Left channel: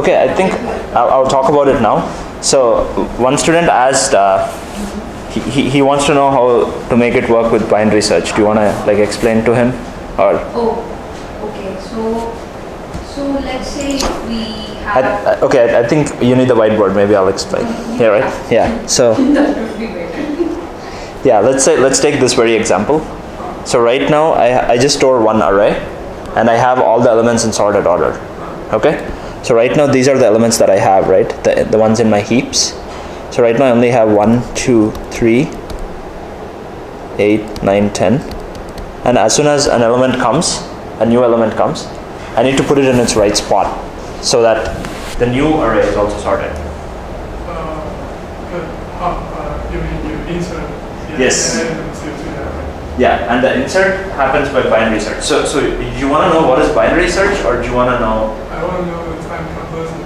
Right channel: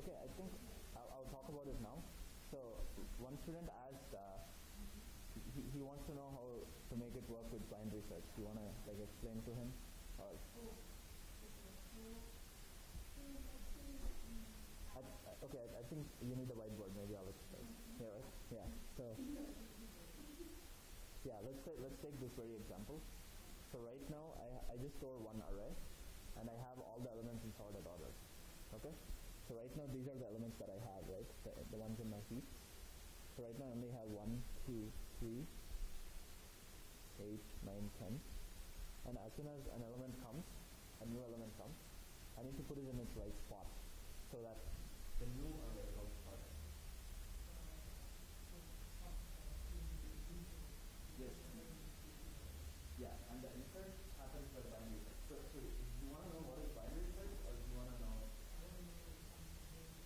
Okay, I think I'll talk about it now. So one student asked, he wants to know how to make it work with binary search. Do you want to like explain to him, or? Oh, okay. So let's say we have. Okay, I think you need the whiteboard. Maybe I'll explain. Yeah, right. Yeah. So. That would be better. Yeah, let's take this very example. So right now I just store one array, and I have all the elements in sorted order. Okay. So right now these are the elements that I have, right? The ones in my heaps. So right now I only have 1, 2, 3, 8, 9, 10. And as soon as an element comes, a new element comes, I need to put it in its right spot so that the new array is also sorted. You mean you insert? Yes. Yeah, and the insert happens by binary search. So do you want to know what is binary search, or do you want to know? I want to know the time complexity.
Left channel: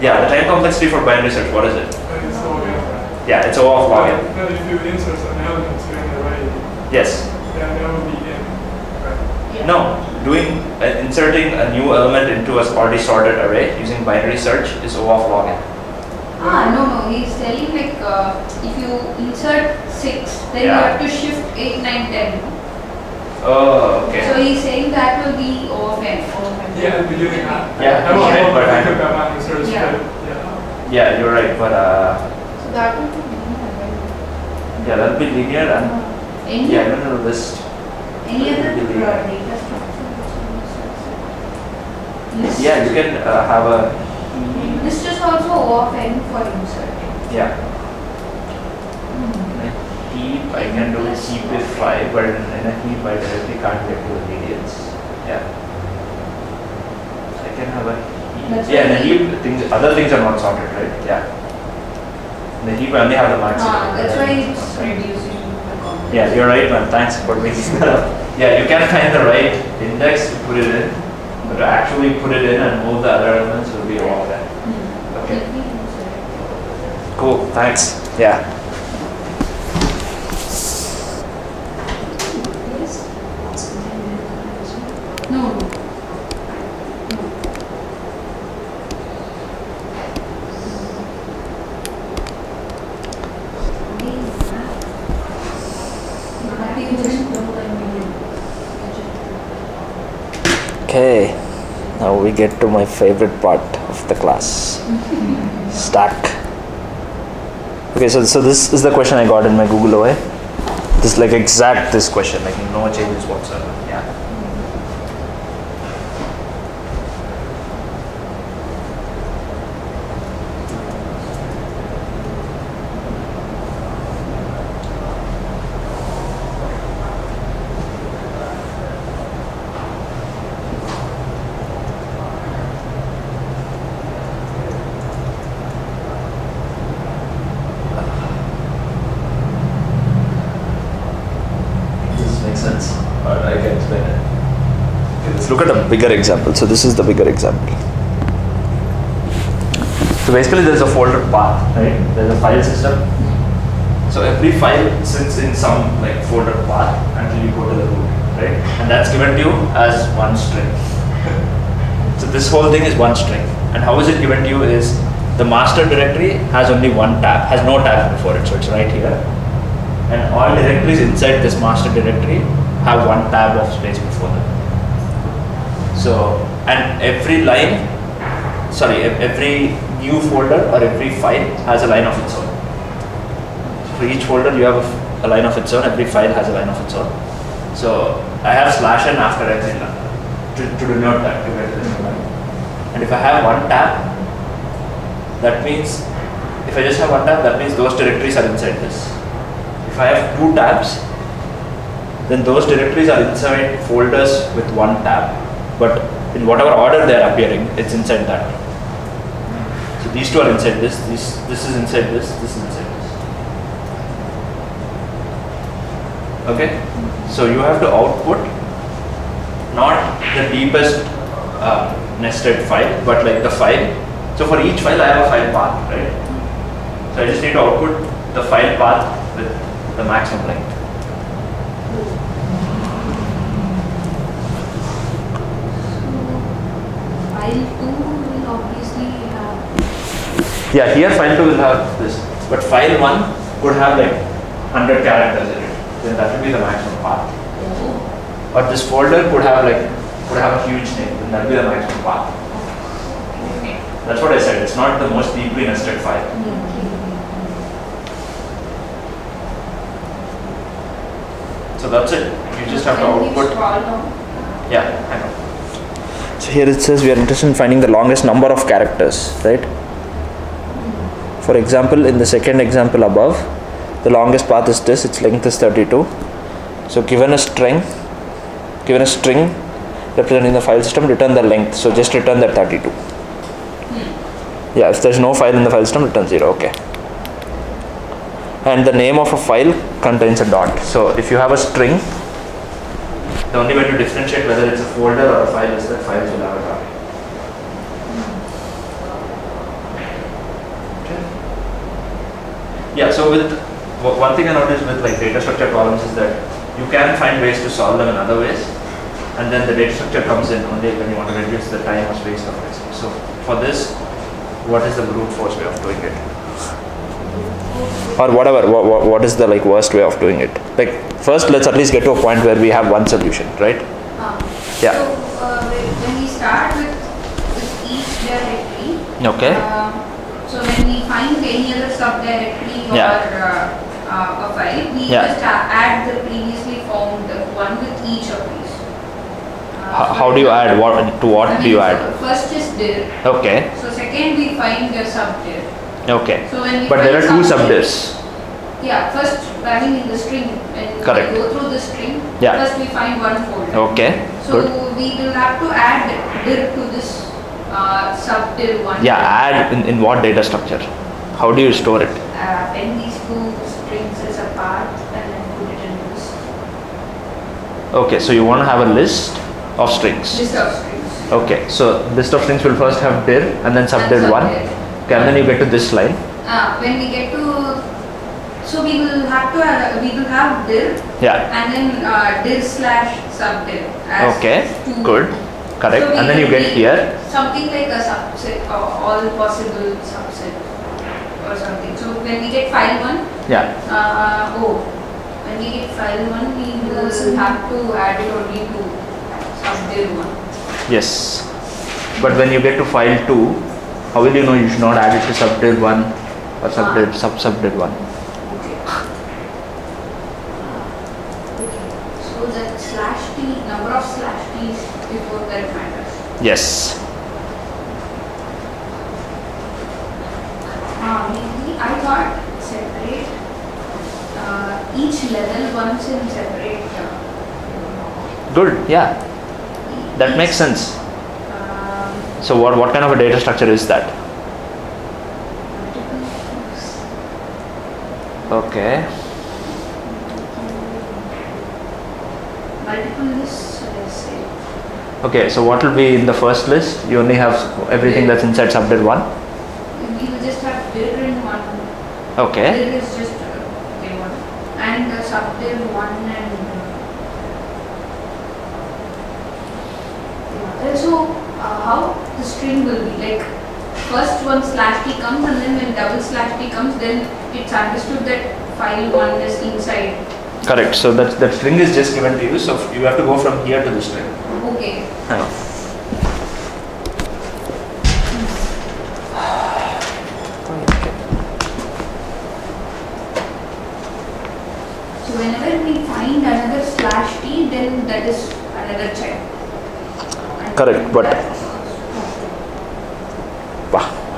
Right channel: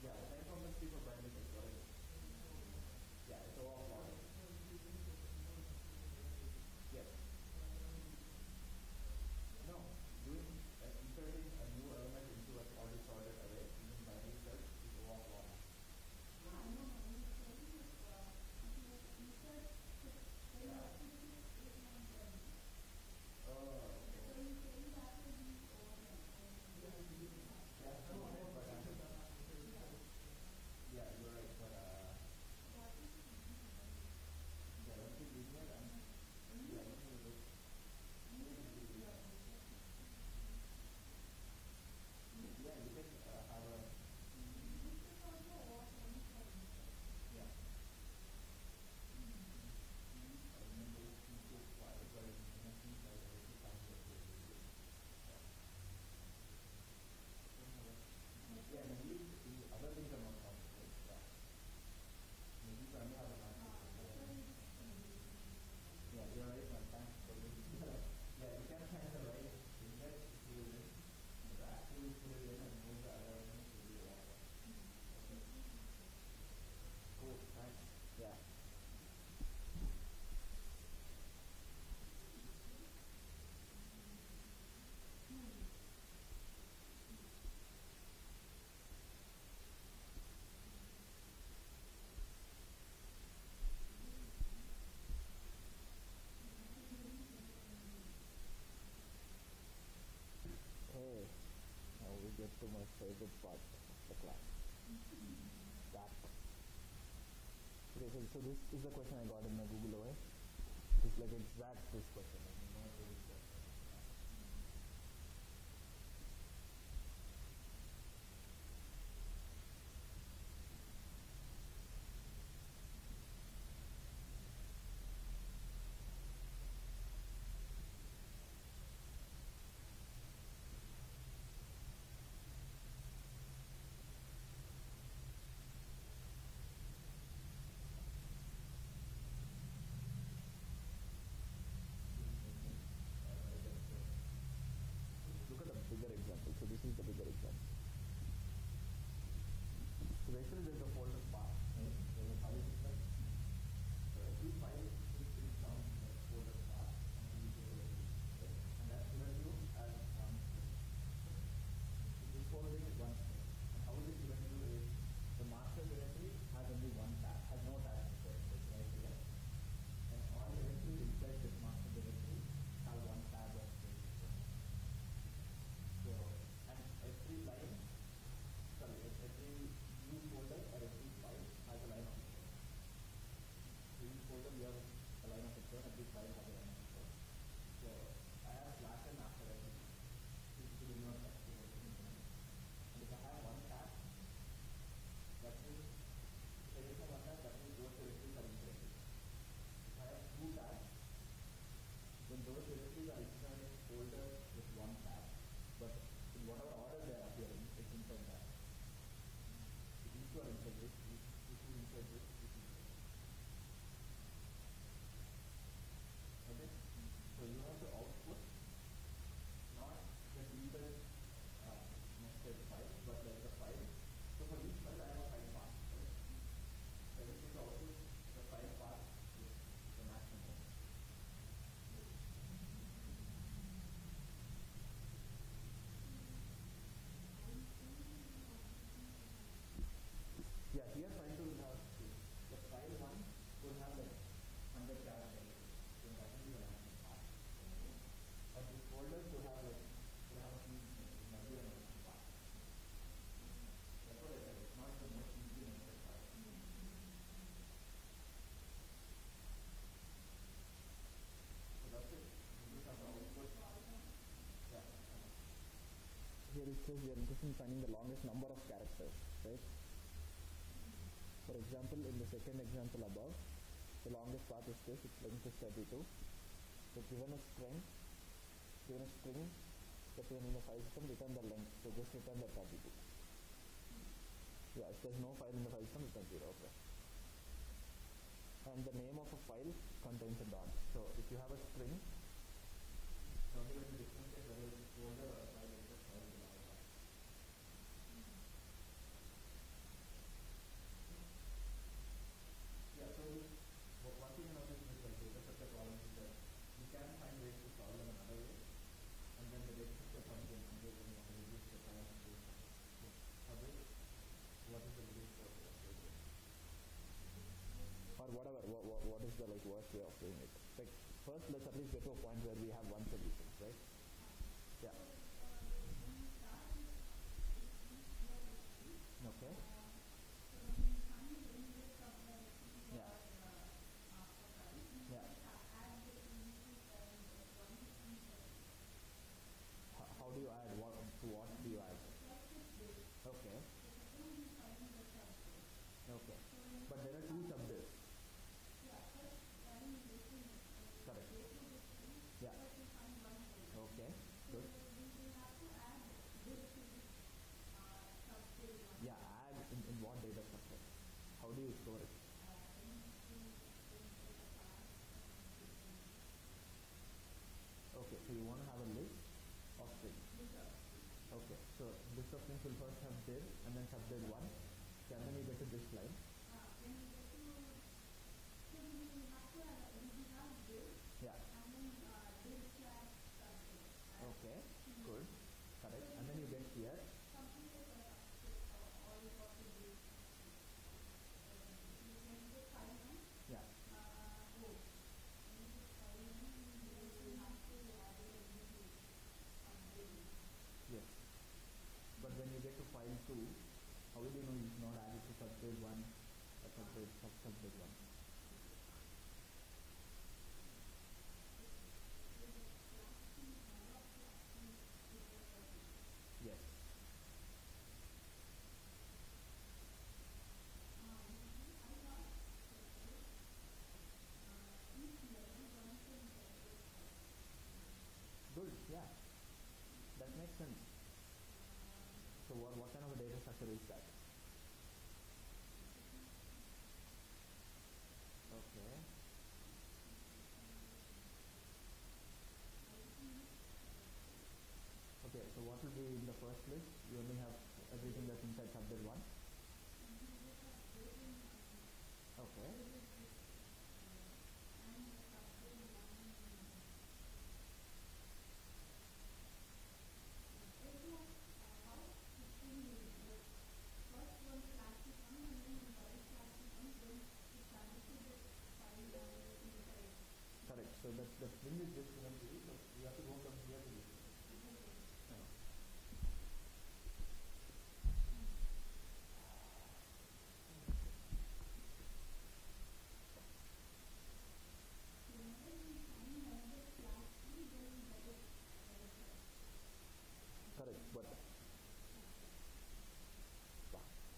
Yeah, the time complexity for binary search, what is it? It's log n, right? Yeah, it's O of log n. But if you insert an element to an array, Yes. then that will be n, right? Yeah. No, inserting a new element into a already sorted array using binary search is O of log n. No, he's telling like if you insert 6, then you have to shift 8, 9, 10. Oh, okay. So he's saying that will be O of n. Yeah, at the beginning. Yeah, I want okay, to but think about my search, Yeah. but Yeah, you're right, but So that will be linear, yeah, that'll be linear and Any, yeah, no, this. any other Will be linear. data structure? List. Yeah, you can have a List is also O of n for insert. yeah. In a heap, I can do heap if I, but in a heap I directly can't get to the medians. Yeah. I can have a heap. That's Yeah, in a why heap, other things are not sorted, right? Yeah. In the heap, I only have the maximum. That's why it's reducing the complexity. Yeah, you're right, man. Thanks for making that up. Yeah, you can find the right index to put it in, but to actually put it in and move the other elements will be all that. Okay. Cool. Thanks. Yeah. No. Okay. Now we get to my favorite part of the class. Stack. Okay, so this is the question I got in my Google OA. This is like exact this question, like no changes whatsoever. Yeah. Sense, but I can explain it. Okay, let's look at a bigger example. So this is the bigger example. So basically there's a folder path, right? There's a file system. So every file sits in some like folder path until you go to the root, right? And that's given to you as one string. So this whole thing is one string. And how is it given to you is the master directory has only one tab, has no tab before it, so it's right here. And all directories inside this master directory have one tab of space before them. So, and every line, every new folder or every file has a line of its own. For each folder you have a line of its own, every file has a line of its own. So I have /n after every line to denote that, to get this line. And if I have one tab, that means, if I just have one tab, that means those directories are inside this. If I have two tabs, then those directories are inside folders with one tab, but in whatever order they are appearing, it's inside that. So these two are inside this, this is inside this is inside this. Okay? So you have to output not the deepest nested file, but like the file. So for each file I have a file path, right? So I just need to output the file path with the maximum length. File 2 will obviously Yeah, here file 2 will have this, but file 1 could have like 100 characters in it. Then that will be the maximum path. Or this folder could have a huge name. Then that will be the maximum path. That's what I said. It's not the most deeply nested file. So that's it. You just have to output. Yeah, I know. So here it says we are interested in finding the longest number of characters, right? For example, in the second example above, the longest path is this, its length is 32. So given a string representing the file system, return the length. So just return that 32. Yeah, if there's no file in the file system, return 0, okay. And the name of a file contains a dot. So if you have a string, the only way to differentiate whether it's a folder or a file is that files will have a dot. Okay. Yeah, so with one thing I noticed with like data structure problems is that you can find ways to solve them in other ways, and then the data structure comes in only when you want to reduce the time or space of it. So for this, what is the brute force way of doing it? Or whatever, what is the like worst way of doing it? Like first, let's at least get to a point where we have one solution, right? Yeah. So when we start with each directory, Okay. So when we find any other subdirectory or a file, we just add the previously found one with each of these. How do you add? What do you add? First is dir. Okay. So second we find the subdir. Okay. So when we But there are two subdir, subdirs. Yeah, first I mean in the string, when Correct. we go through the string, Yeah. first we find one folder. Okay. So Good. we will have to add dir to this subdir one. Yeah. Add in what data structure? How do you store it? When these two strings as a path and then put it in this Okay. So you want to have a list of strings. list of strings. Okay. So list of strings will first have dir and then subdir one. subdir. Okay. And then you get to this line. When we get to, so we will have dir Yeah. and then dir slash subdir. As Okay. two. Good. Correct. So we And then you will get need here. something like a subset or all possible subset or something. So when we get file 1, Yeah. when we get file 1, we will have to add it only to subdir 1. Yes. But when you get to file 2, how will you know you should not add it to subdir 1 or subdir 1? Okay. So that slash t, number of slash t's before that matters. Yes. Maybe I thought separate each level once in separate. Good. Yeah. That makes sense. So what kind of a data structure is that? Okay. Multiple lists, let's say. Okay. So what will be in the first list? You only have everything that's inside subdir 1. We will just have dir in one. Okay. Dir is just one. And subdir 1 and so how the string will be like first one slash t comes and then when double slash t comes then it's understood that file 1 is inside. Correct. So that string is just given to you. So you have to go from here to the string. Okay. So whenever we find another slash t, then that is another check. And Correct, but that-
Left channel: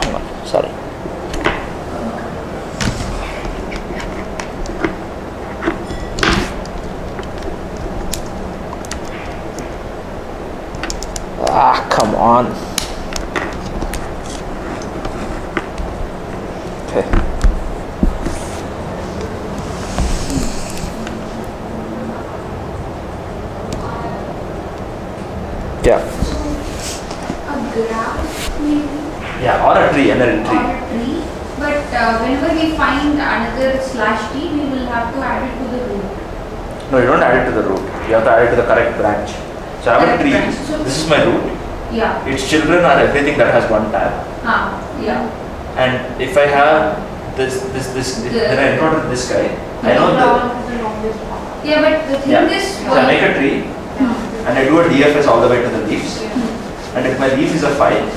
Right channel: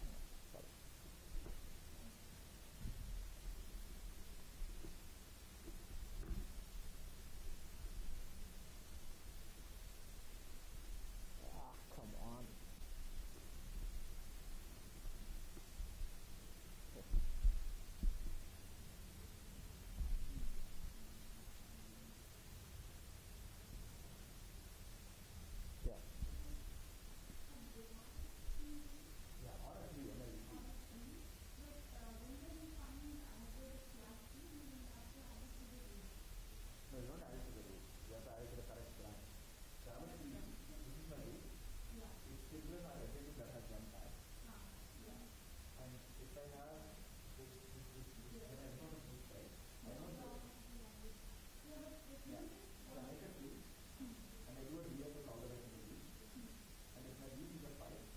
hang on. Sorry. Come on. Okay. Yeah. a graph maybe Yeah, or a tree, another or tree. a tree, but whenever we find another slash t, we will have to add it to the root. No, you don't add it to the root. You have to add it to the correct branch. So I have a Correct tree. branch. So- This is my root. Yeah. Its children are everything that has one tab. Yeah. and if I have this, then I encounter this guy. I know that. Yeah, but the thing is, So I make a tree and I do a DFS all the way to the leaves. And if my leaf is a file,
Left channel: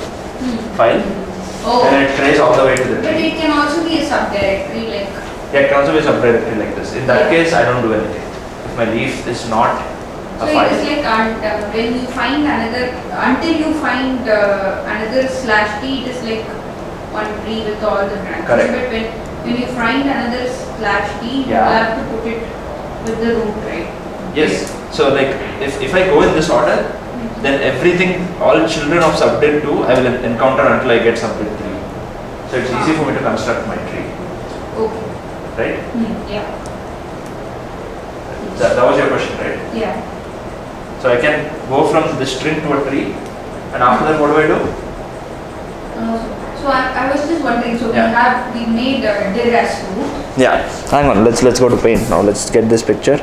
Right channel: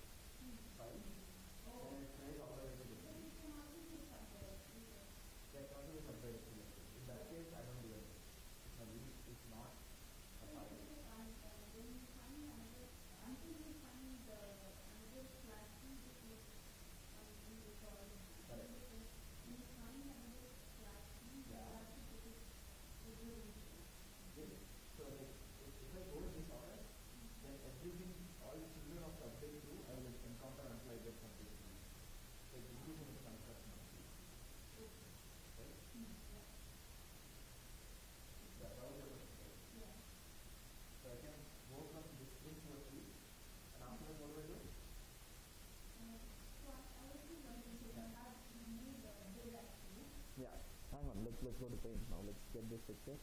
then it trace all the way to the but tree. it can also be a subdirectory, like. Yeah, it can also be a subdirectory like this. In that case, I don't do anything. If my leaf is not So a it file. is like when you find another, until you find another /t, it is like one tree with all the branches. Correct. But when you find another /t, you have to put it with the root, right? Yes. So like if I go in this order, then everything, all children of subdet 2, I will encounter until I get subdet 3. So it's easy for me to construct my tree. Okay. Right? Yeah. That was your question, right? Yeah. So I can go from this string to a tree, and after that, what do I do? So I was just wondering. So we made dir as root. Yeah. Hang on. Let's go to paint now. Let's get this picture.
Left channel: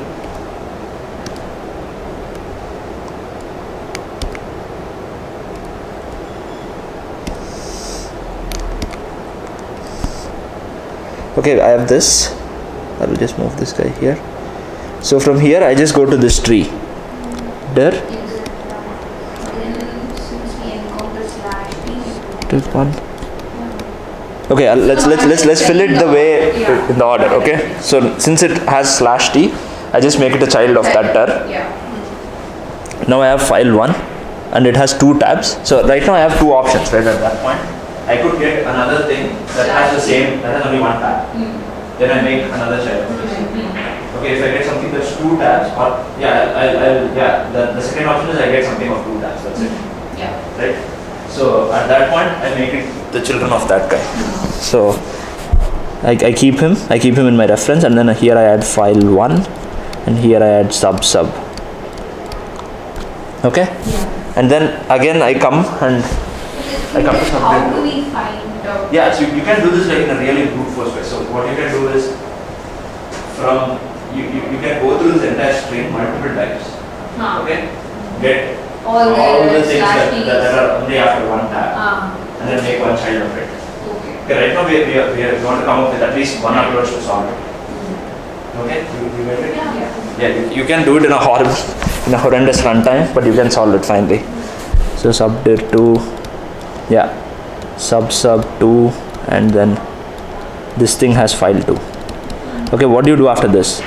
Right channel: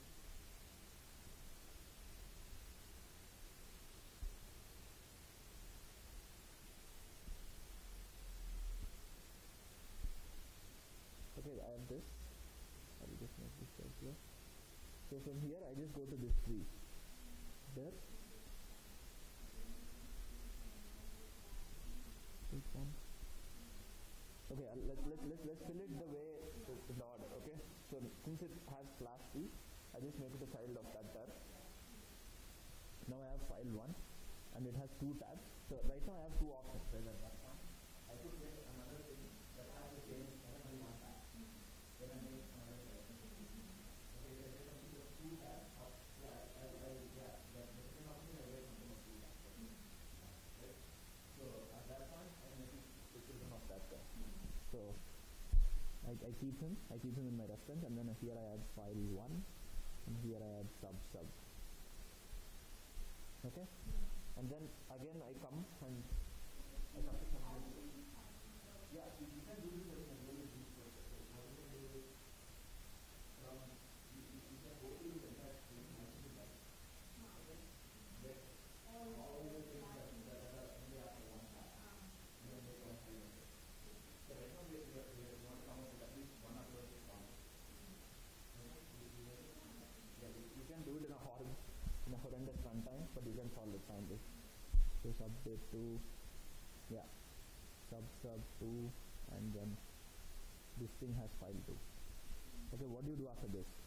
Okay, I have this. I will just move this guy here. So from here, I just go to this tree. Dir. Take one. Okay, let's fill it the way in the order. Okay. So since it has /t, I just make it a child of that dir. Yeah. Now I have file 1, and it has 2 tabs. So right now I have 2 options. Right at that point, I could get another thing that has the same, that has only 1 tab. Then I make another child of this. Okay, if I get something that's 2 tabs, or the second option is I get something of 2 tabs. That's it. Yeah. Right. So at that point, I make it the children of that guy. So I keep him in my reference, and then here I add file 1, and here I add sub. Okay. Yeah. And then again I come to subdet. How do we find out? Yeah, so you can do this like in a really brute force way. So what you can do is, from you can go through this entire string multiple times. Okay. Get All the the things /t. that are only after 1 tab, and then make one child of it. Okay, right now we want to come up with at least one approach to solve it. Okay, you get it? Yeah, you can do it in a horrendous runtime, but you can solve it finally. So subdir 2, yeah, sub 2, and then this thing has file 2. Okay, what do you do after this?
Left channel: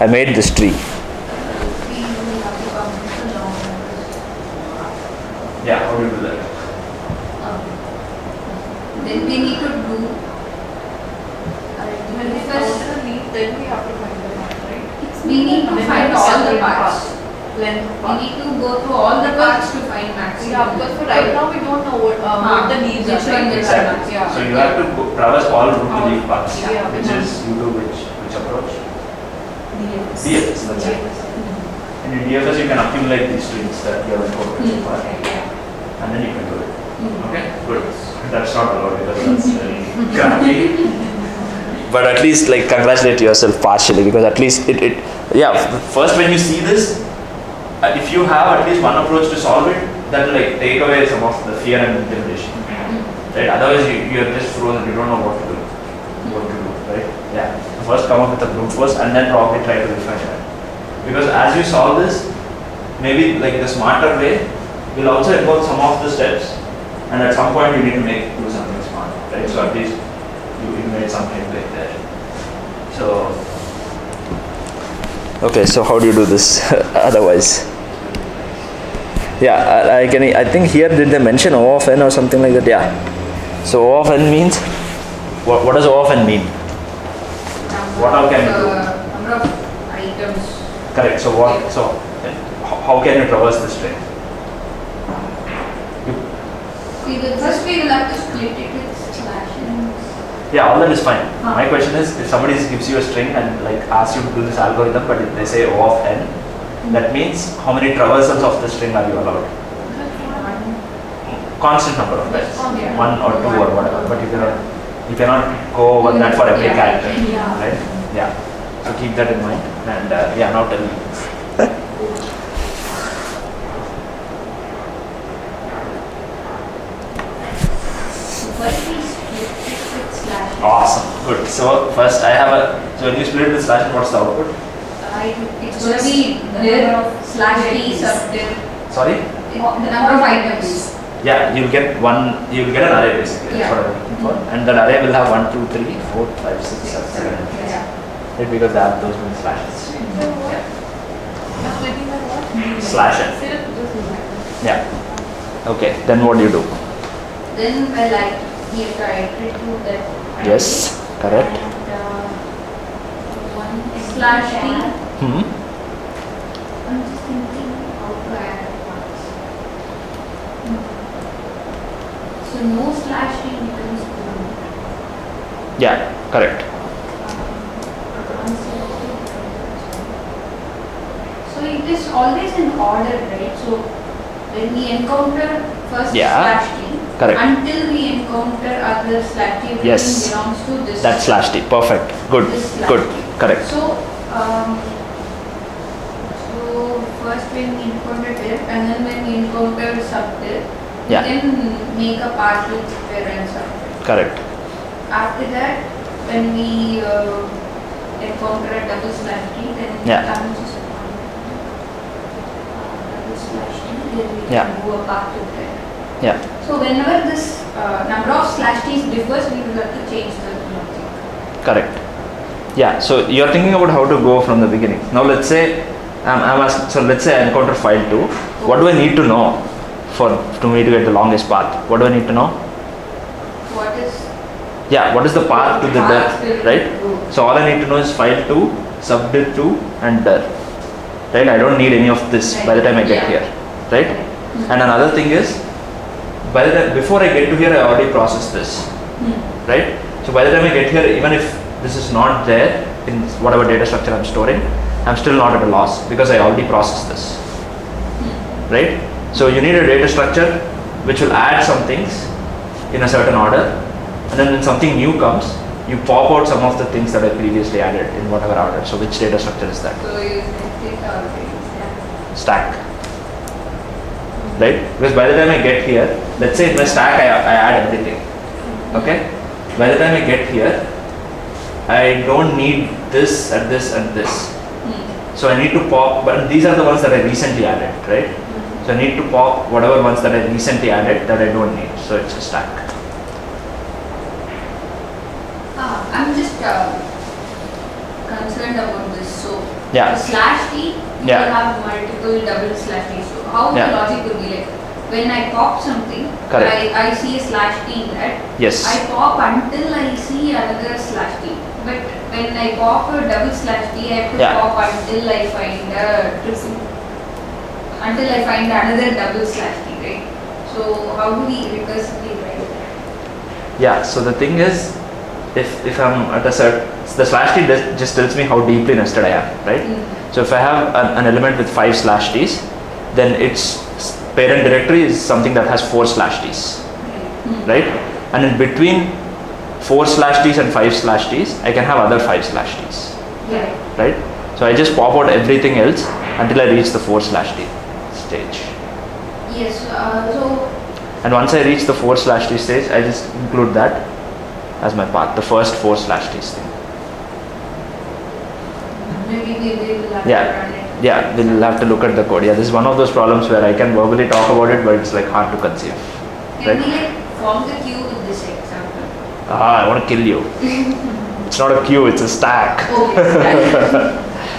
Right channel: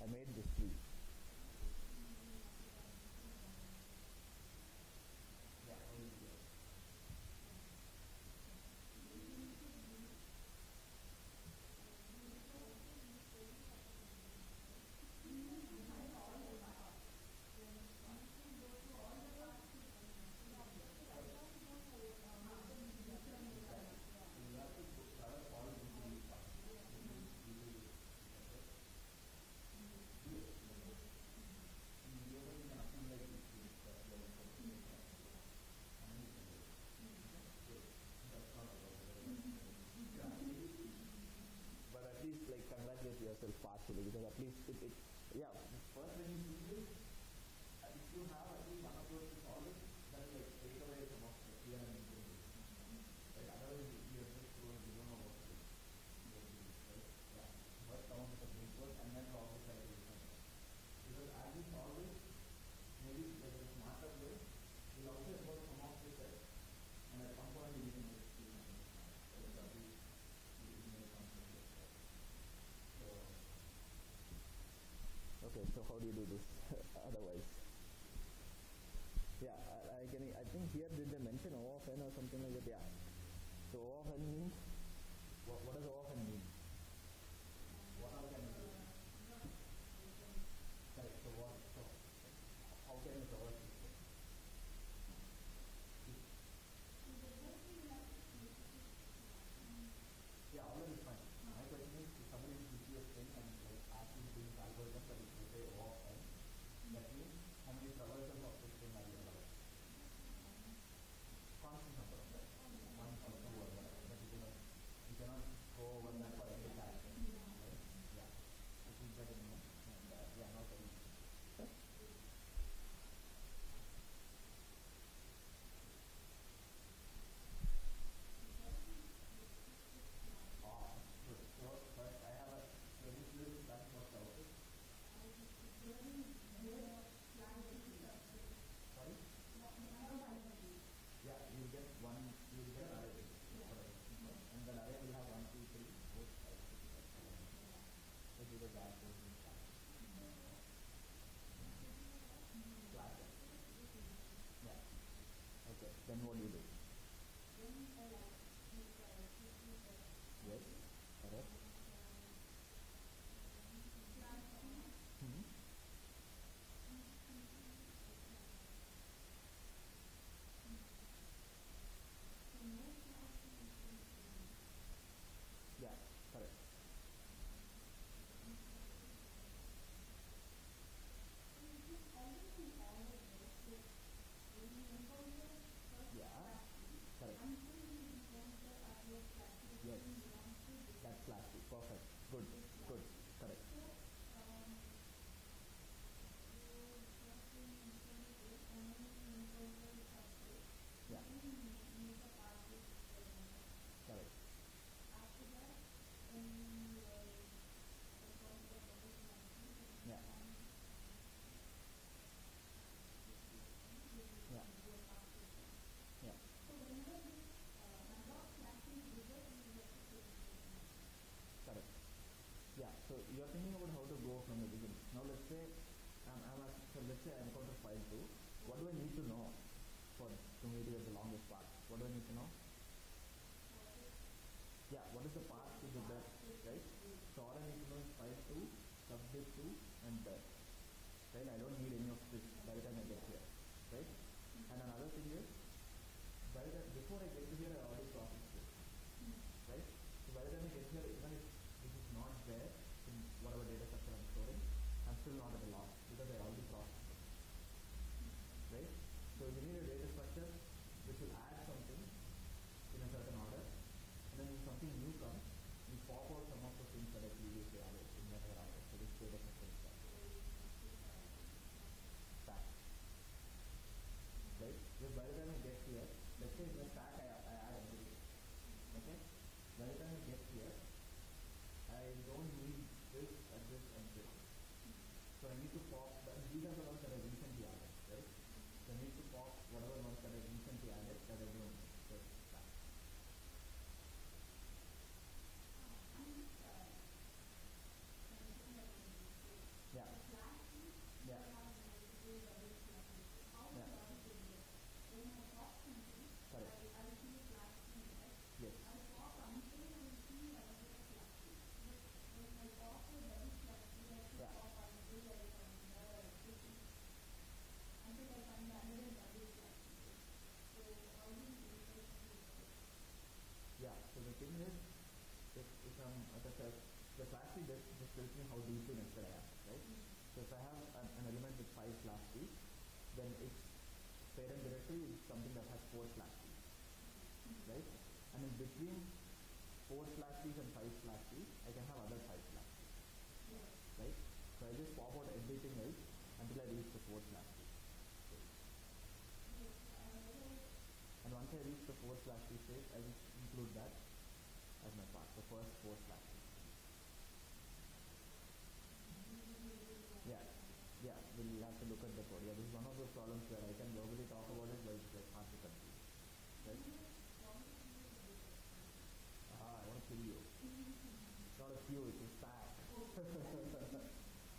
I made this tree. Yeah, how do you do that? Then we need to do then we have to find the path, right? we need to Then find we have to all the separate parts. Length We path. need to go through all the parts to find maximum. Yeah, because for right now we don't know what the leaves which are. one Right? is Exactly. Yeah. So you have to traverse all root to leaf paths, Yeah. which is you do which approach? DFS, that's it. And in DFS you can accumulate these strings that you have incorporated so far, and then you can do it. Okay, good. That's not allowed because that's very crappy. But at least like congratulate yourself partially, because at least it first when you see this, if you have at least one approach to solve it, that will like take away some of the fear and intimidation. Right? Otherwise you are just frozen, you don't know what to do. Right? Yeah. First come up with a brute force and then probably try to refine that. Because as you solve this, maybe like the smarter way will also involve some of the steps, and at some point you need to do something smart, right? So at least you made something like that. So okay, so how do you do this otherwise? Yeah, I think here did they mention O of n or something like that? Yeah. So O of n means what does O of n mean? What all can you do? Number of items. Correct. So how can you traverse the string? First we will have to split it with slashes. Yeah, all that is fine. My question is, if somebody gives you a string and like asks you to do this algorithm, but if they say O of n, that means how many traversals of the string are you allowed? Constant number of times, 1 or 2 or whatever. But you cannot go over that for every character, right? Yeah. So keep that in mind. And now tell me. First we split So first I have a, so when you split it with slash, what's the output? It's going to be dir slash t sub dir. Sorry? The number of items. Yeah, you'll get an array basically. That's Yeah. what I'm looking for. And that array will have 1, 2, 3, 4, 5, 6, 7, 7. Yeah. Right, because they have those many slashes. So what? Splitting by what? Slash it. Yeah. Okay, then what do you do? Then well, I give directly to that. Yes, correct. And, one slash t. Hmm. I'm just thinking how to add parts. So no slash t becomes one. Yeah, correct. So it is always in order, right? So when we encounter first Yeah, slash t, correct. until we encounter other slash t, everything Yes. belongs to this. That's slash t. Perfect. Good. This slash Good. t. Correct. So first when we encounter dir, and then when we encounter sub dir, Yeah. we can make a path with dir and sub dir. Correct. After that, when we encounter a double slash t, then Yeah. double slash t, then we Yeah. can do a path with dir. Yeah. So whenever this number of slash t's differs, we will have to change the logic. Correct. Yeah. So you're thinking about how to go from the beginning. Now let's say so let's say I encounter file 2. What do I need to know to me to get the longest path? What do I need to know? What is Yeah. What is the path to the dir, right? Go. So all I need to know is file 2, subdir 2, and dir. Right? I don't need any of this by the time I get Yeah. here. Right? And another thing is, before I get to here, I already processed this. Right? So by the time I get here, even if this is not there in whatever data structure I'm storing, I'm still not at a loss because I already processed this. Right? So you need a data structure which will add some things in a certain order, and then when something new comes, you pop out some of the things that I previously added in whatever order. So which data structure is that? So you take our things, yeah. Stack. Right? Because by the time I get here, let's say in my stack I add everything. Okay? By the time I get here, I don't need this and this and this. So I need to pop, but these are the ones that I recently added, right? So I need to pop whatever ones that I recently added that I don't need. So it's a stack. I'm just concerned about this. So Yeah. the slash t, you Yeah. will have multiple double slash t. So how Yeah. the logic would be like, when I pop something, Correct. I see a slash t in that. Yes. I pop until I see another slash t. But when I pop a double slash t, I have to Yeah. pop until I find another double slash t, right? So how do we recursively write that? Yeah. So the thing is, if I'm at a certain, the slash t just tells me how deeply nested I am, right? So if I have an element with 5 slash t's, then its parent directory is something that has 4 slash t's, right? And in between 4 slash t's and 5 slash t's, I can have other 5 slash t's, Yeah. right? So I just pop out everything else until I reach the 4 slash t stage. Yes. So And once I reach the 4 slash t stage, I just include that as my path, the first 4 slash t's thing. maybe we will have Yeah. to run it. Yeah, we'll have to look at the code. Yeah, this is one of those problems where I can verbally talk about it, but it's like hard to conceive. Can Right. we like form the queue with this example? I want to kill you. It's not a queue, it's a stack. Okay.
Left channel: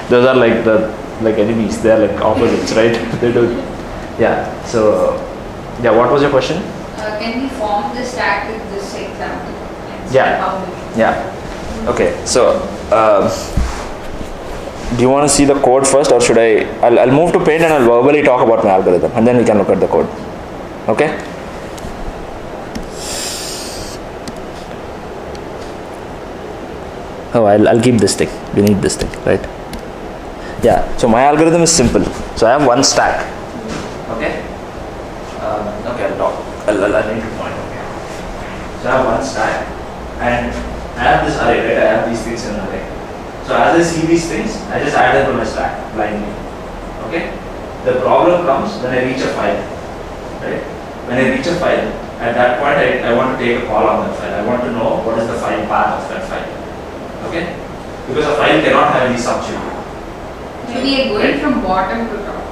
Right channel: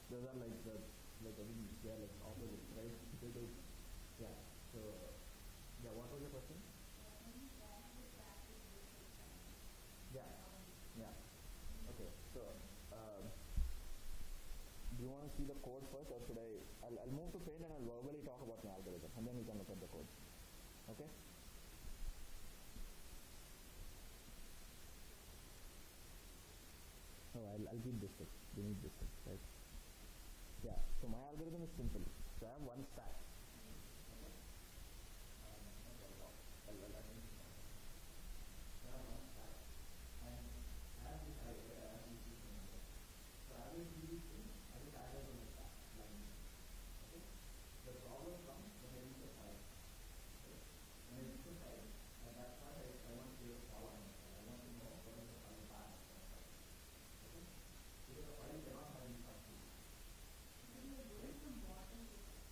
Those are like enemies. They are like opposites, right? They do. Yeah. So, yeah. What was your question? Can we form the stack with this example? And see Yeah. how we- Yeah. Okay. So, do you want to see the code first, or should I? I'll move to Paint and I'll verbally talk about my algorithm, and then we can look at the code. Okay. Oh, I'll keep this thing. We need this thing, right? Yeah. So my algorithm is simple. So I have one stack. Okay. Okay. I'll need to point. Okay. So I have one stack, and I have this array, right? I have these things in an array. So as I see these things, I just add them to my stack blindly. Okay. The problem comes when I reach a file, right? When I reach a file, at that point I want to take a call on that file. I want to know what is the file path of that file. Okay? Because a file cannot have any subchildren. So we are going from bottom to top.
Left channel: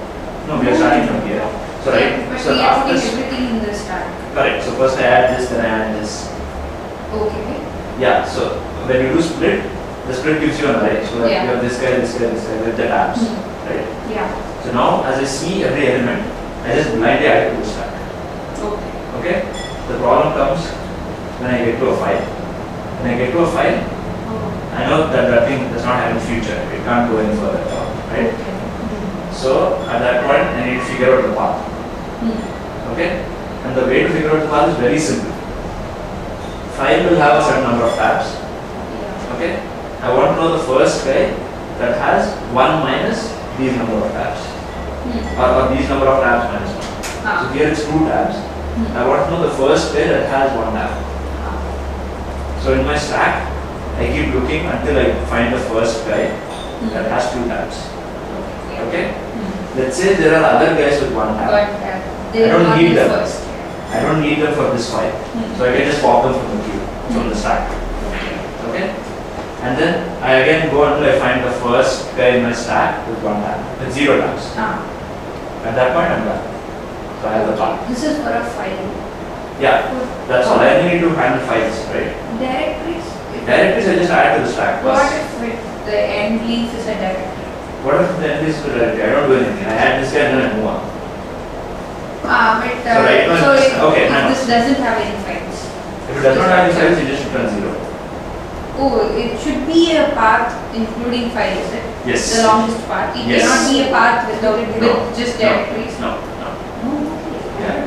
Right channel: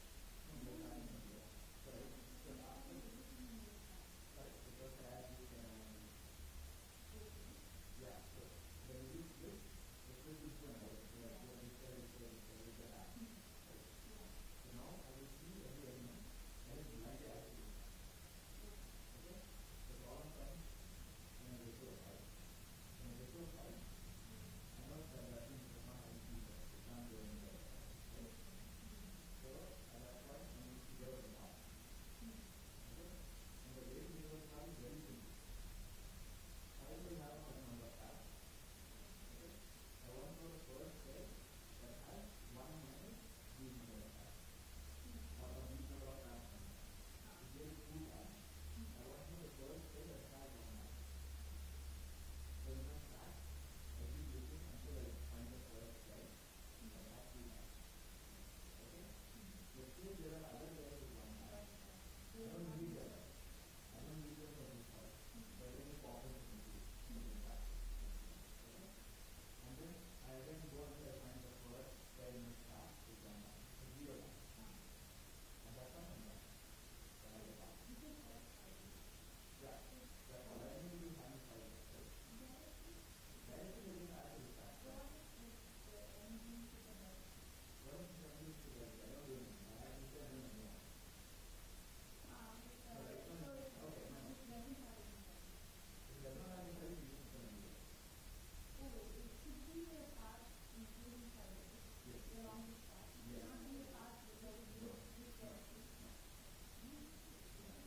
No, we are starting from here. So right, But so we are after putting everything in the stack. correct. So first I add this, then I add this. Okay. Yeah. So when you do split, the split gives you an array. So Yeah. you have this guy, this guy, this guy with the tabs, right? Yeah. So now as I see every element, I just blindly add it to the stack. Okay. Okay? The problem comes when I get to a file. When I get to a file, Oh. I know that that thing does not have a future. It can't go any further at all, right? Okay. So at that point, I need to figure out the path. Okay? And the way to figure out the path is very simple. File will have a certain number of tabs. Yeah. Okay? I want to know the first guy that has 1 minus these number of tabs. Or these number of tabs minus 1. So here it's 2 tabs. I want to know the first guy that has 1 tab. So in my stack, I keep looking until I find the first guy that has 2 tabs. Okay? Let's say there are other guys with 1 tab. But they I don't are need not them. the first. I don't need them for this file. So I can just pop them from the queue, from the stack. Okay? And then I again go until I find the first guy in my stack with 1 tab, with 0 tabs. At that point, I'm done. So I have the path. This is for a file. Yeah, that's all. I only need to handle files, right? Directories. Directories I just add to the stack. What Plus, if the end leaf is a directory? what if the end is the directory? I don't do anything. I add this guy and then I move on. But So right now so it's- if, okay, if hang on. this doesn't have any files. If it does not have any files, you just return 0. Oh, it should be a path including files, is it? Yes. The longest path. It Yes. cannot be a path without No. with just directories. No. Oh, okay.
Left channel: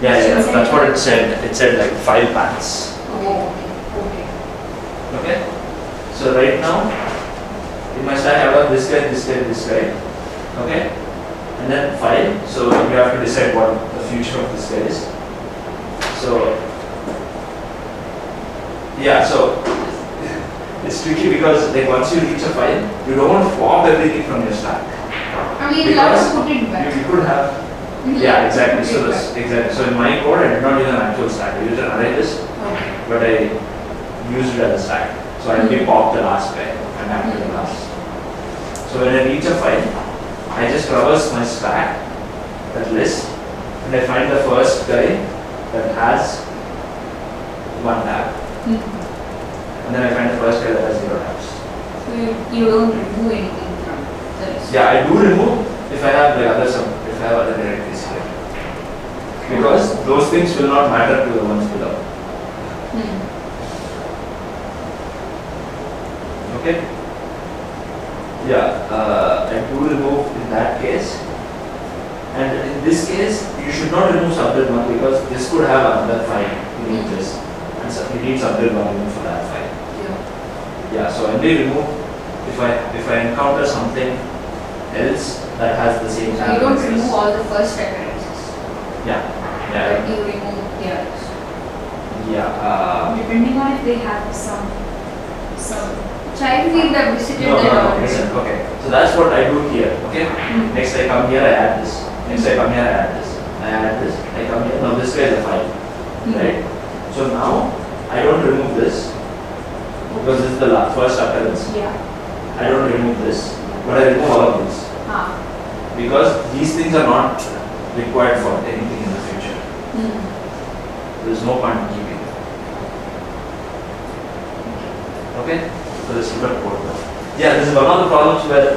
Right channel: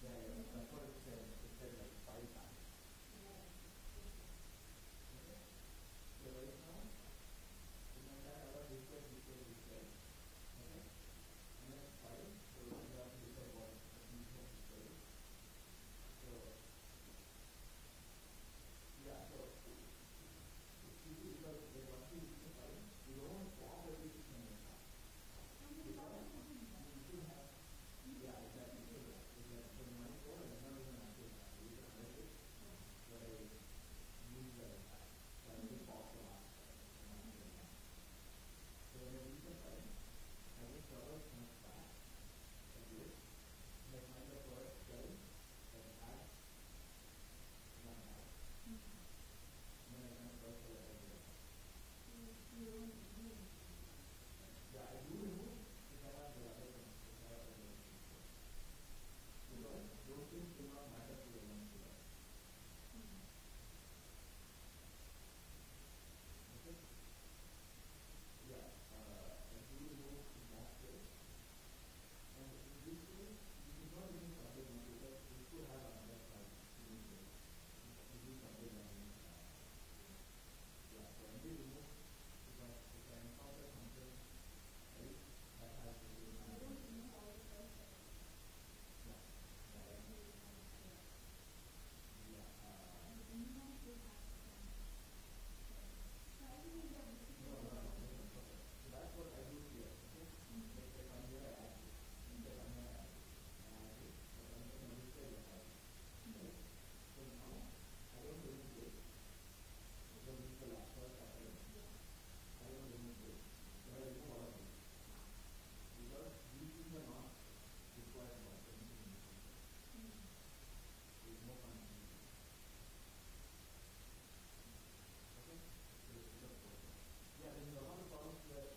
Yeah. Yeah, that's what it said. It said like 5 paths. Oh, okay. Okay? So right now, in my stack, I have this guy, this guy, this guy. Okay? And then file. So you have to decide what the future of this guy is. So, yeah, so it's tricky because like once you reach a file, you don't want to pop everything from your stack. I mean, you'll have Because to put it back. you could have, You'll yeah, have to exactly. put So it this, back. exactly. So in my code, I did not use an actual stack. I used an array list, Okay. but I used it as a stack. So I only popped the last guy and after the last. So when I reach a file, I just traverse my stack, that list, and I find the first guy that has 1 tab. And then I find the first guy that has 0 tabs. So you don't remove anything from the list. Yeah, I do remove if I have the other if I have other directories here. Because those things will not matter to the ones below. Okay? Yeah, I do remove in that case. And in this case, you should not remove subnet 1 because this could have another file. You need this. And so you need subnet 1 even for that file. Yeah, so I only remove if I encounter something else that has the same So you don't parameters. remove all the first occurrences. Yeah, But yeah, you remove the others. yeah. Depending on if they have some Child field have visited No, that no, no, already. listen, okay. So that's what I do here, okay? Next I come here, I add this. Next I come here, I add this. I add this, I come here. Now this guy is a file, right? So now I don't remove this because this is the first occurrence. Yeah. I don't remove this, but I remove all of this because these things are not required for anything in the future. There is no point in keeping it. Okay? So this is what code. Yeah, this is one of the problems where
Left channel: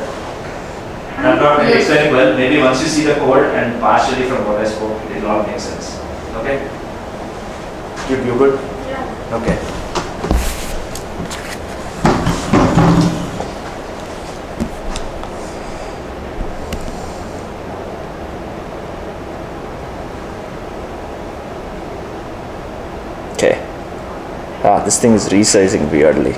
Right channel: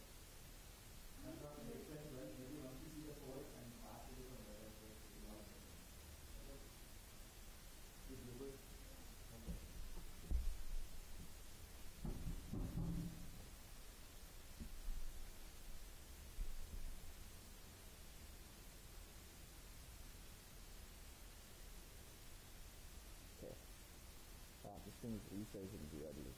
I'm not really explaining well. Maybe once you see the code and partially from what I spoke, it will all make sense. Okay? You good? Yeah. Okay. Okay. This thing is resizing weirdly.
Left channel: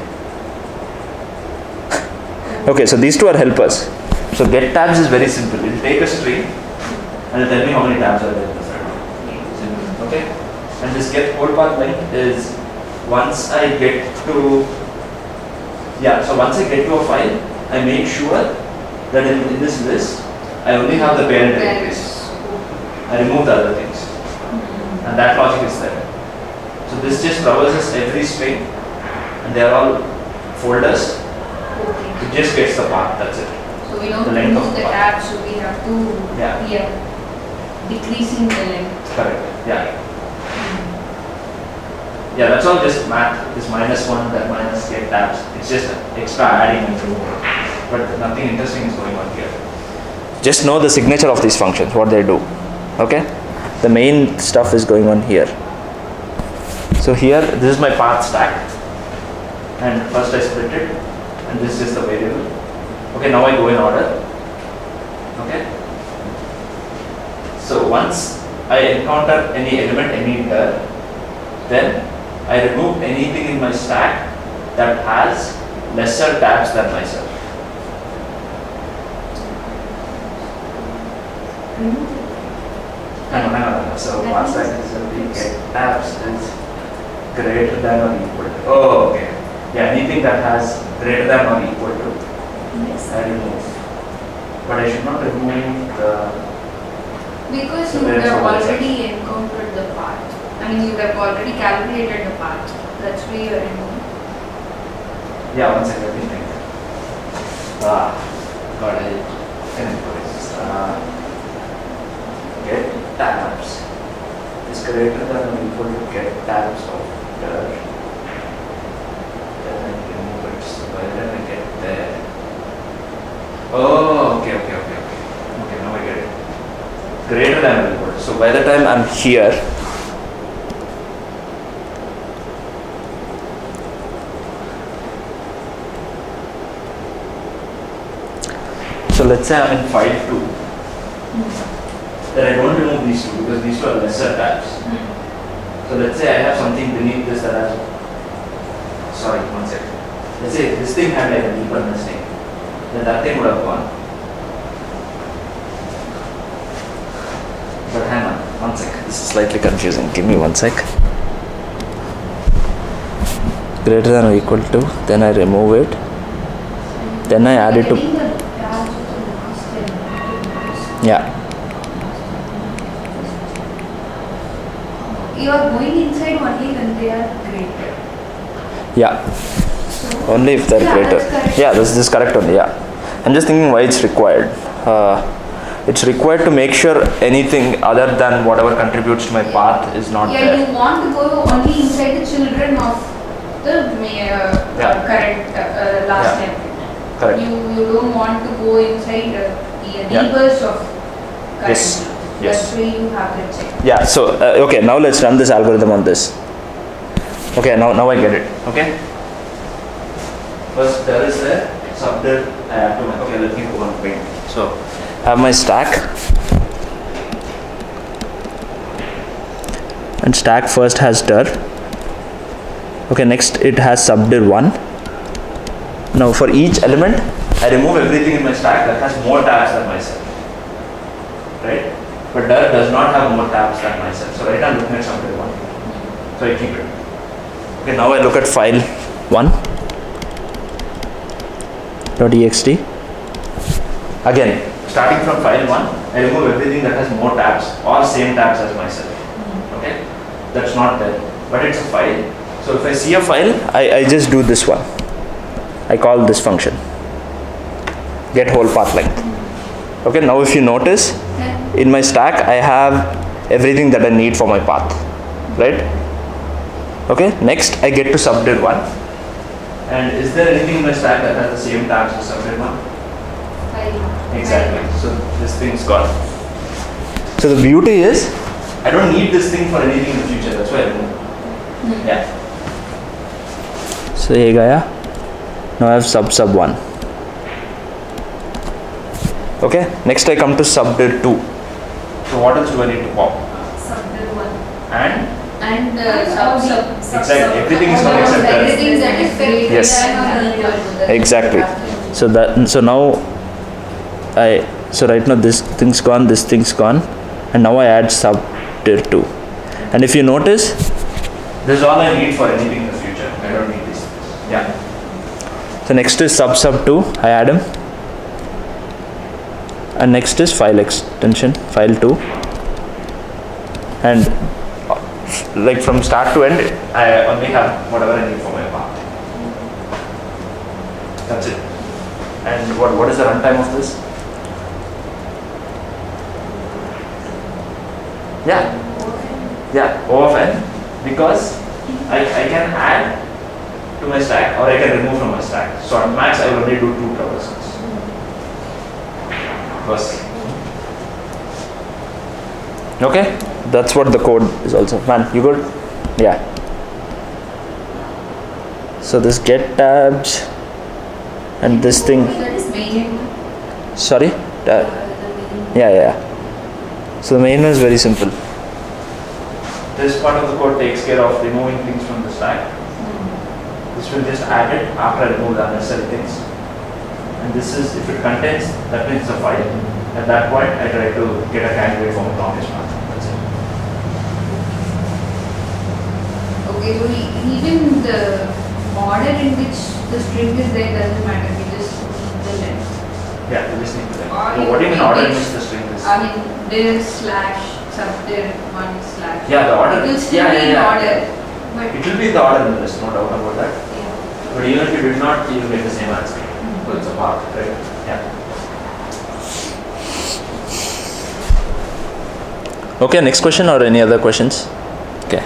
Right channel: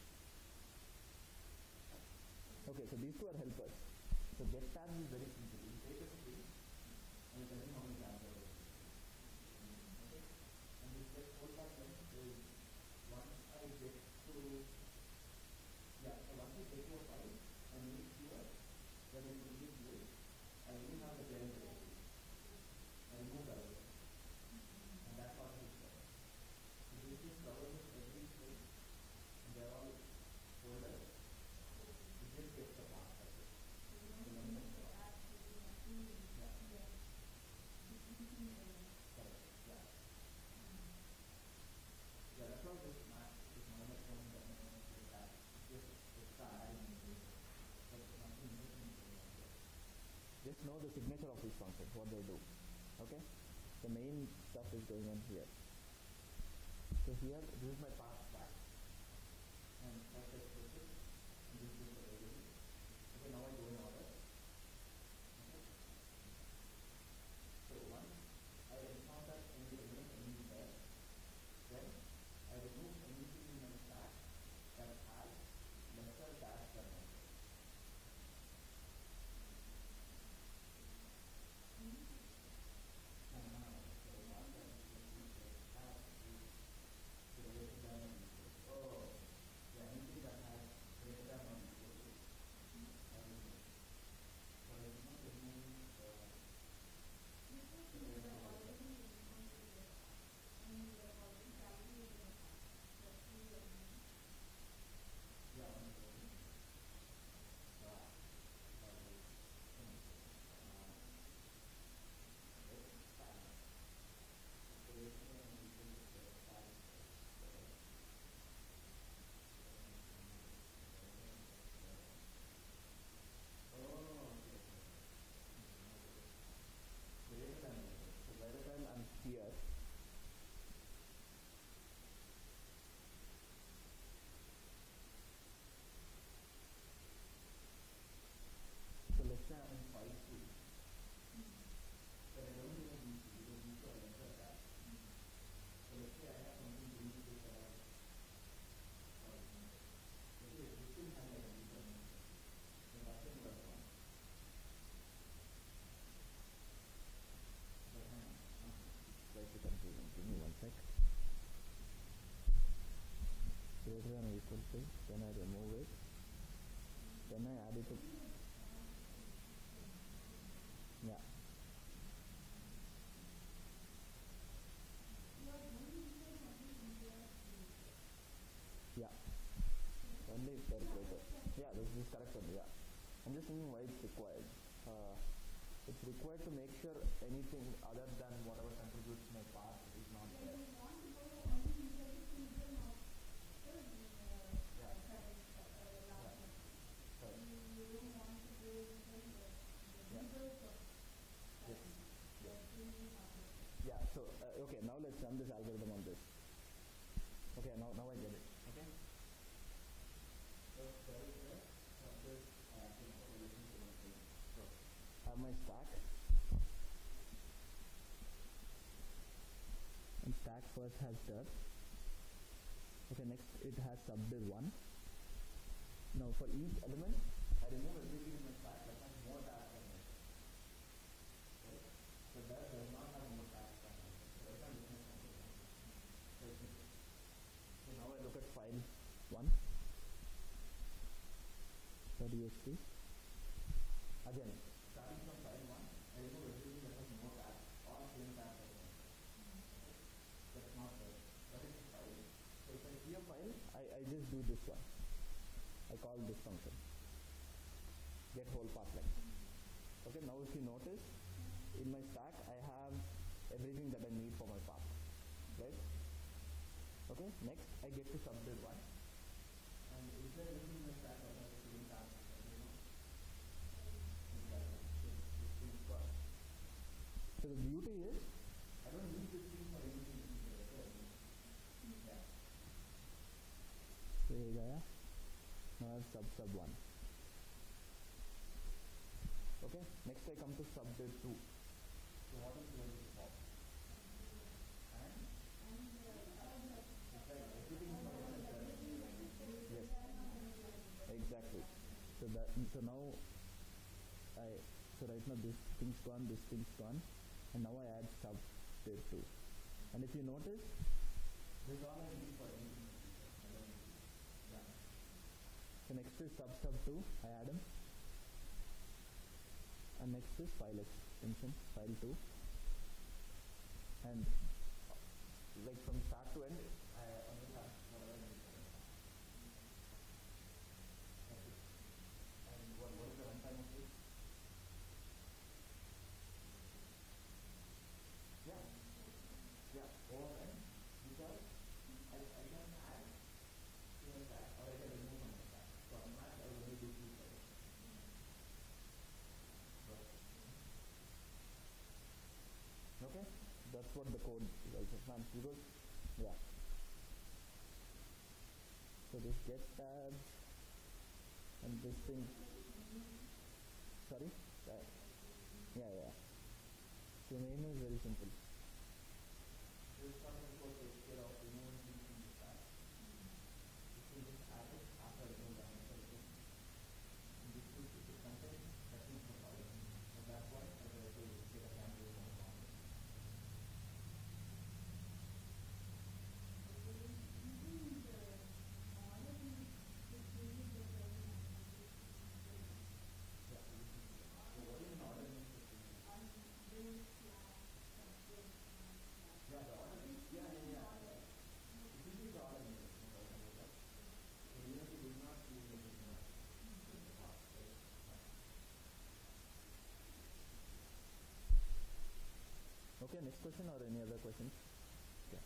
Okay, so these two are helpers. So get tabs is very simple. It will take a string and it'll tell me how many tabs are there in the front. Simple. Okay? And this get code path length is once I get to, yeah, so once I get to a file, I make sure that in this list, I only have the parent directories. I remove the other things. And that logic is there. So this just traverses every string and they are all folders, Okay. it just gets the path, that's it. So we don't The length of use the the tab, so we have to Yeah. decreasing the length. Correct, yeah. Yeah, that's all just math. This -1, that minus get tabs. It's just extra adding into it. But nothing interesting is going on here. Just know the signature of these functions, what they do. Okay? The main stuff is going on here. So here, this is my path stack. And first I split it. And this is the variable. Okay, now I go in order. Okay? So once I encounter any element, any dir, then I remove anything in my stack that has lesser tabs than myself. Hang on. So path stack is we get tabs is greater than or equal to. Oh, okay. Yeah, anything that has greater than or equal to, Yes. I remove. But I should not remove the. Because So you would there's have always already encountered the path. I mean, you would have already calculated the path. That's why you are removing. Yeah, one second, let me think. Got it. Get tabs is greater than or equal to get tabs of dir. Then I remove it. So by the time I get there. Oh, okay. Okay, now I get it. Greater than or equal to. So by the time I'm here, so let's say I'm in file 2, then I don't remove these two because these two are lesser tabs. So let's say I have something beneath this that has, sorry, one second. Let's say this thing had like a deeper nesting, then that thing would have gone. But hang on, one sec. This is slightly confusing. Give me one sec. Greater than or equal to, then I remove it. Then I add it to. Getting the tabs of the last element. Yeah. You are going inside only when they are greater. Yeah. So, Only if they're yeah, greater. that's correct. Yeah, this is correct only. Yeah. I'm just thinking why it's required. It's required to make sure anything other than whatever contributes to my path is not Yeah, there. you want to go only inside the children of the current last Yeah. element. Correct. You don't want to go inside the Yeah. neighbors of current. Yes. Yes. That's why you have to check. Yeah. So okay, now let's run this algorithm on this. Okay, now I get it. Okay. First there is the subdir. I have to. Okay, let me go on paint. So I have my stack. And stack first has dir. Okay, next it has subdir 1. Now for each element, I remove everything in my stack that has more tabs than myself. Right? But dir does not have more tabs than myself. So right now I'm looking at subdir 1. So I keep it. Okay, now I look at file 1. .ext. Again, starting from file 1, I remove everything that has more tabs or same tabs as myself. Okay? That's not there. But it's a file. So if I see a file, I just do this one. I call this function. Get whole path length. Okay, now if you notice, in my stack, I have everything that I need for my path. Right? Okay, next I get to subdir 1. And is there anything in my stack that has the same tabs as subdir 1? Exactly. So this thing's gone. So the beauty is, I don't need this thing for anything in the future. That's why I remove. Yeah. So here gaya. Now I have sub 1. Okay. Next I come to subdir 2. So what else do I need to pop? Subdir 1. And sub. exactly. Everything is not except that. Everything that is greater Yes. than or equal to the Exactly. So now so right now this thing's gone, this thing's gone, and now I add subdir 2. And if you notice, this is all I need for anything in the future. I don't need these things. Yeah. So next is sub 2. I add them. And next is file extension, file 2. And like from start to end, I only have whatever I need for my path. That's it. And what is the runtime of this? Yeah. Yeah, O of n, because I can add to my stack or I can remove from my stack. So at max I will only do 2 traversals. First. Okay, that's what the code is also. Man, you good? Yeah. So this get tabs and this thing. That is main. Sorry? The main. Yeah. So the main one is very simple. This part of the code takes care of removing things from the stack. This will just add it after I remove the unnecessary things. And this is, if it contains, that means it's a file. At that point, I try to get a candidate from a longest path. That's it. Okay, so even the order in which the string is there doesn't matter. We just need the length. Yeah, you just need to. Or So what do you mean order in which- which the string is? I mean, there slash subdir 1 slash. Yeah, the order. It will still be in order, but It will be the order in the list, no doubt about that. yeah. But even if you did not, you will get the same answer. So it's a path, right? Yeah. Okay, next question or any other questions? Okay.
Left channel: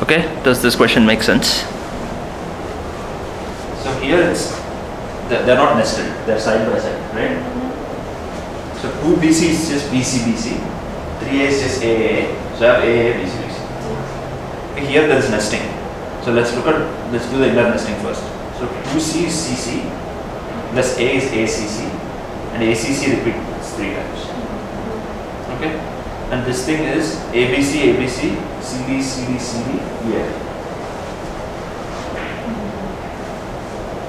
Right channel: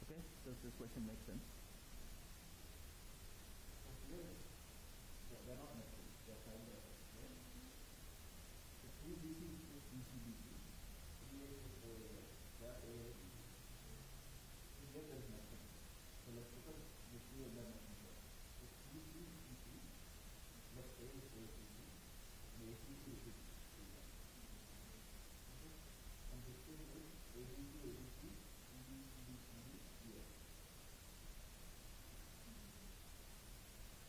Okay, does this question make sense? So here they're not nested, they're side by side, right? So 2BC is just BC, 3A is just AAA, so I have AAA, BC. Here there is nesting. So let's do the inner nesting first. So 2C is CC, plus A is ACC, and ACC repeats 3 times. Okay? And this thing is ABC, ABC, CD, CD, CD, EF.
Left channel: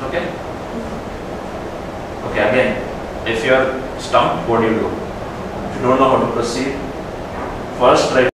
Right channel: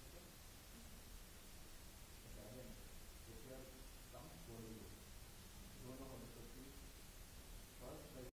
Okay? Okay, again, if you are stumped, what do? If you don't know how to proceed, first try